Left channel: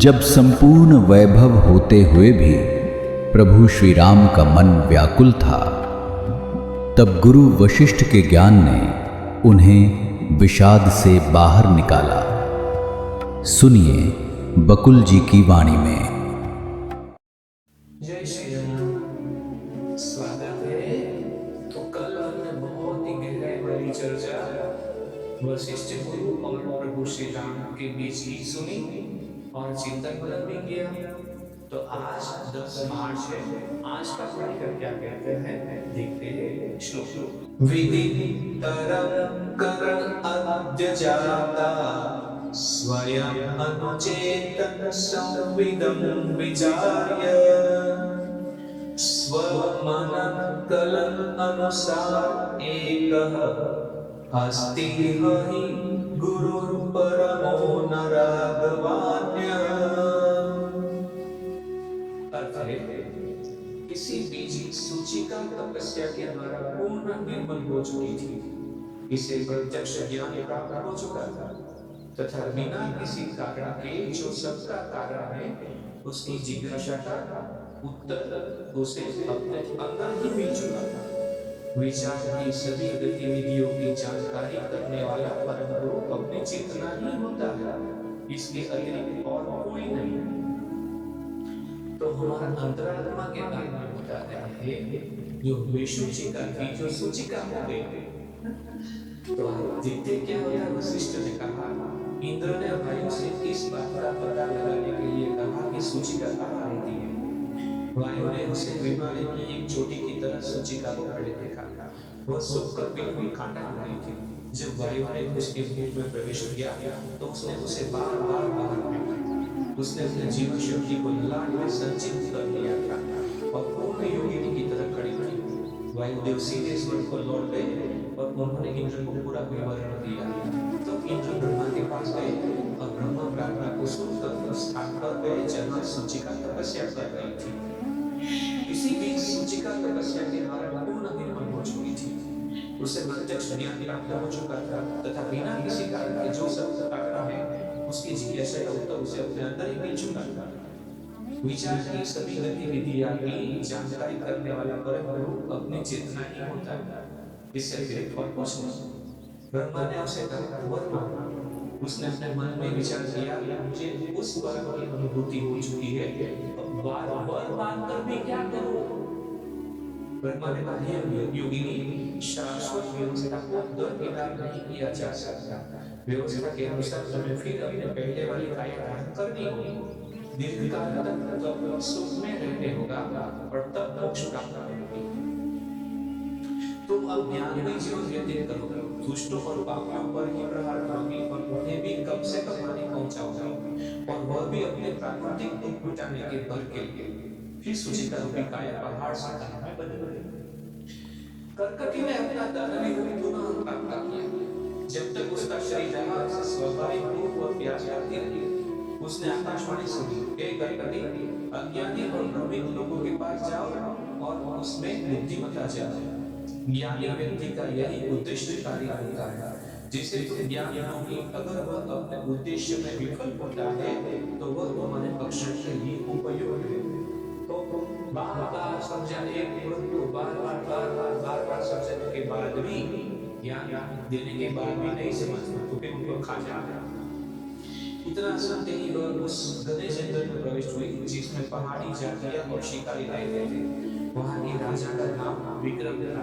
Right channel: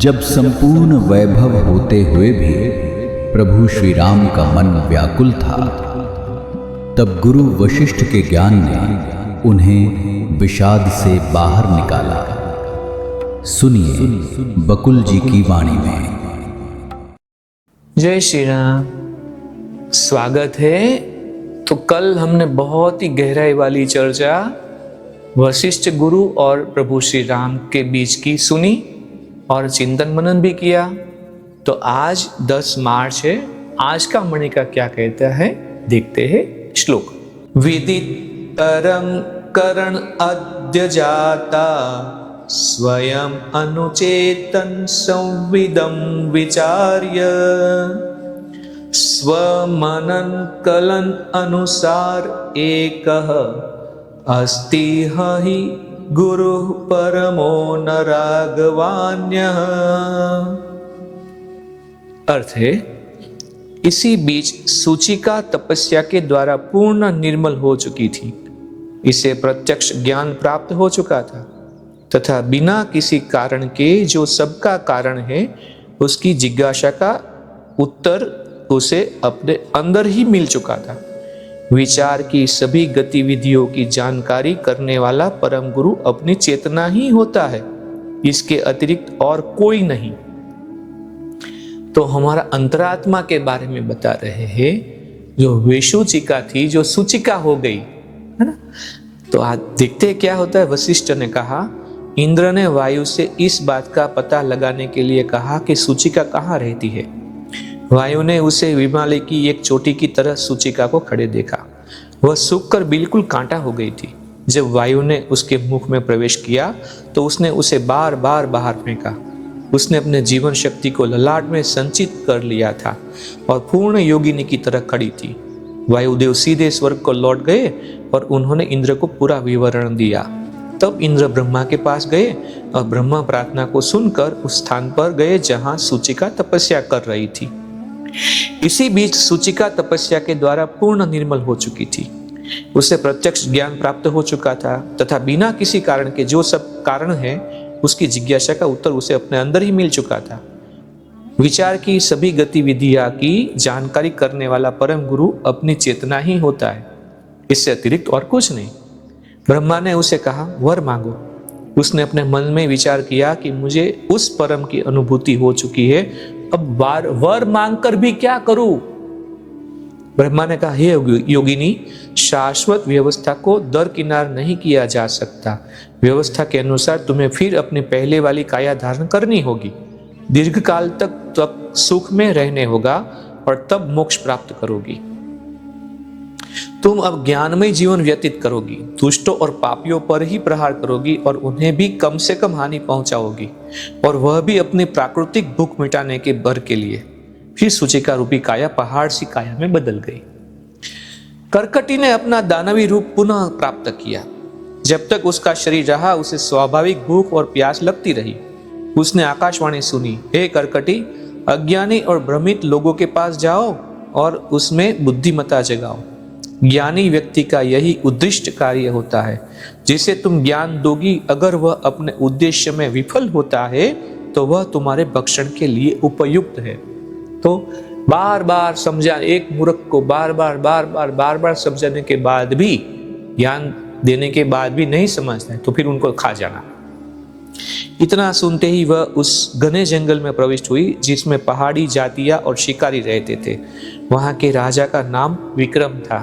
जब संपूर्ण वैभव होते हुए भी प्रभु श्री राम का मन व्याकुल था, तब गुरु वशिष्ठ के ज्ञान ने उन्हें विषाद से बाहर निकाला। सुनिए बकुल जी की वाणी में। जय श्री राम। स्वागत है। तो कल हमने बहुत ही गहराई वाली चर्चा वशिष्ठ गुरु और प्रभु श्री राम के बीच की सुनी और चिंतन मनन भी किया। तो आज 10 मार्च है। आज का मणिका क्या कहता है देखते हैं श्लोक। विदितरं करण अद्य जाता स्वयं अनुचेतन संविदं विचार्य स्वमनन कलन अनुसार एकः अस्ति हि गुरुः परमो न राघवान्यः। अर्थ है, इसी बीच सूचिका तपस्या के द्वारा पूर्ण निर्मल हो चुकी थी। इसे प्रत्यक्ष ज्ञान प्राप्त हो चुका था तथा बिना किसी कारण के जो सबका कारण है उसकी जिज्ञासा का उत्तर उसे अपने अंदर ही मिल चुका था। विचार की सभी गतिविधियों की जानकारी करने वाला परम गुरु अपनी चेतना ही होता है, इसके अतिरिक्त और कोई नहीं। तो हमारा अंतरात्मा के बारे में बता रहे हैं, जो विषुचिका थी जो सूचिका हो गई है ना। तो आज देखते हैं क्या होता है। वशिष्ठ ने कहा, इंद्र ने वायु से इस बात का पता लगाने के लिए कहा कि सूचिका कहाँ रहती है। वायु ने उसे हिमालय की एक चोटी की तरह सूचिका को खड़े देखा। वह सूखकर बिल्कुल कांटा हो गई थी। जब वायु ने उसके मुख में प्रवेश किया तो उसने उसे बार बार बाहर फेंका। उसने अपने जीवन शक्ति को ललाट में संचित कर लिया था और पूर्ण योगिनी की तरह खड़ी थी। वायुदेव सीधे स्वर्ग को लौट गए और उन्होंने इंद्र को पूरा विवरण दिया। तब इंद्र ब्रह्मा के पास गए और ब्रह्मा प्रार्थना को सुनकर उस स्थान पर गए जहां सूचिका तपस्या कर रही थी। इसी बीच सूचिका तपस्या के द्वारा पूर्ण निर्मल हो चुकी थी। उसे प्रत्यक्ष ज्ञान प्राप्त हो चुका था तथा बिना किसी कारण के जो सब कारण है उसकी जिज्ञासा का उत्तर उसे अपने अंदर ही मिल चुका था। विचार की सभी गतिविधियां की जानकारी करने वाला परम गुरु अपनी चेतना ही होता है, इससे अतिरिक्त और कुछ नहीं। ब्रह्मा ने उसे कहा, वर मांगो। उसने अपने मन में विचार किया कि मुझे उस परम की अनुभूति हो चुकी है, अब वर मांगकर भी क्या करूं। ब्रह्मा ने कहा, हे योगिनी, शाश्वत व्यवस्था को दरकिनार नहीं किया जा सकता। व्यवस्था के अनुसार तुम्हें फिर अपनी पहले वाली काया धारण करनी होगी। दीर्घ काल तक तब सुख में रहने होगा और तब मोक्ष प्राप्त करोगी। तुम अब ज्ञानमय जीवन व्यतीत करोगी, दुष्टों और पापियों पर ही प्रहार करोगी और उन्हें भी कम से कम हानि पहुंचाओगी, और वह भी अपनी प्राकृतिक भूख मिटाने के भर के लिए। फिर सूचिका रूपी काया पहाड़ सी काया में बदल गई। कर्कटी ने अपना दानवी रूप पुनः प्राप्त किया। जब तक उसका शरीर रहा उसे स्वाभाविक भूख और प्यास लगती रही। उसने आकाशवाणी सुनी, हे कर्कटी, अज्ञानी और भ्रमित लोगों के पास जाओ और उसमें बुद्धिमत्ता जगाओ। ज्ञानी व्यक्ति का यही उद्दिष्ट कार्य होता है। जिसे तुम ज्ञान दोगी, अगर वह अपने उद्देश्य में विफल होता है तो वह तुम्हारे भक्षण के लिए उपयुक्त है। तो बार बार समझा, एक मूर्ख को बार बार समझाने के बाद भी, ज्ञान देने के बाद भी नहीं समझते तो फिर उनको खा जाना। इतना सुनते ही वह उस घने जंगल में प्रविष्ट हुई जिसमें पहाड़ी जातियां और शिकारी रहते थे। वहां के राजा का नाम विक्रम था।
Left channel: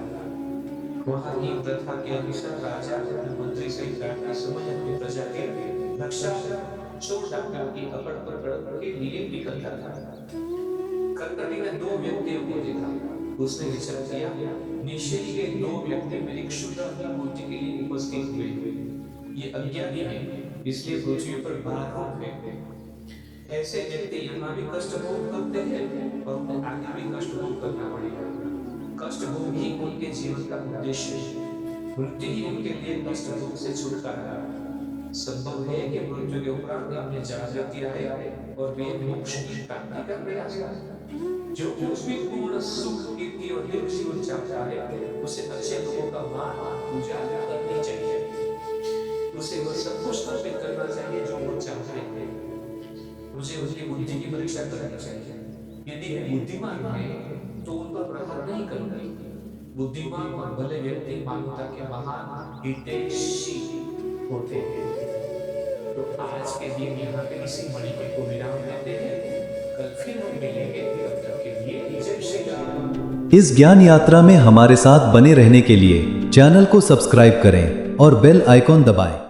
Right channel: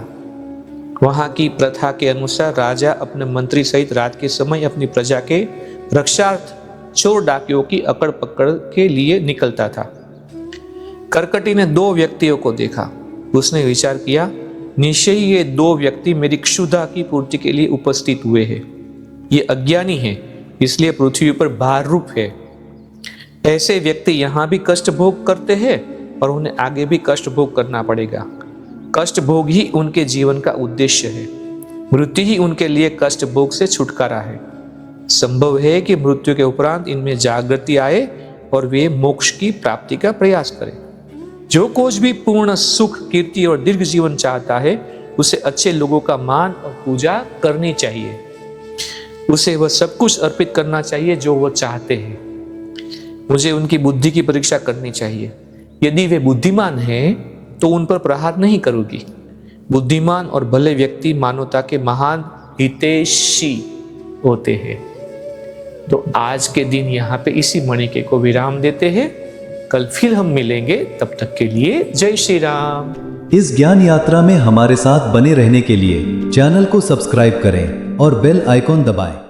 वहां की प्रथा के अनुसार राजा अपने मंत्री सहित रात के समय अपनी प्रजा के रक्षार्थ चोर डाकियों की अकड़ पकड़ के लिए निकलता था। कर्कटी ने 2 व्यक्तियों को देखा। उसने विचार किया, निश्चय ही ये 2 व्यक्ति मेरी क्षुधा की पूर्ति के लिए उपस्थित हुए हैं। ये अज्ञानी हैं, इसलिए पृथ्वी पर भार रूप है। ऐसे व्यक्ति यहाँ भी कष्ट भोग करते हैं और उन्हें आगे भी कष्ट भोग करना पड़ेगा। कष्ट भोग ही उनके जीवन का उद्देश्य है। मृत्यु ही उनके लिए कष्ट भोग से छुटकारा है। संभव है कि मृत्यु के उपरांत इनमें जागृति आए और वे मोक्ष की प्राप्ति का प्रयास करें। जो कुछ भी पूर्ण सुख, कीर्ति और दीर्घ जीवन चाहता है उसे अच्छे लोगों का मान और पूजा करनी चाहिए। उसे वह सब कुछ अर्पित करना चाहिए जो वह चाहते हैं। मुझे उनकी बुद्धि की परीक्षा करनी चाहिए। यदि वे बुद्धिमान हैं तो उन पर प्रहार नहीं करूंगी। बुद्धिमान और भले व्यक्ति मानवता के महान हितैषी होते हैं। तो आज के दिन यहाँ पे इसी मणिके को विराम देते हैं। कल फिर हम मिलेंगे, तब तक के लिए जय श्री राम। इस ज्ञान यात्रा में हमारे साथ बने रहने के लिए चैनल को सब्सक्राइब करें और बेल आइकॉन दबाएं।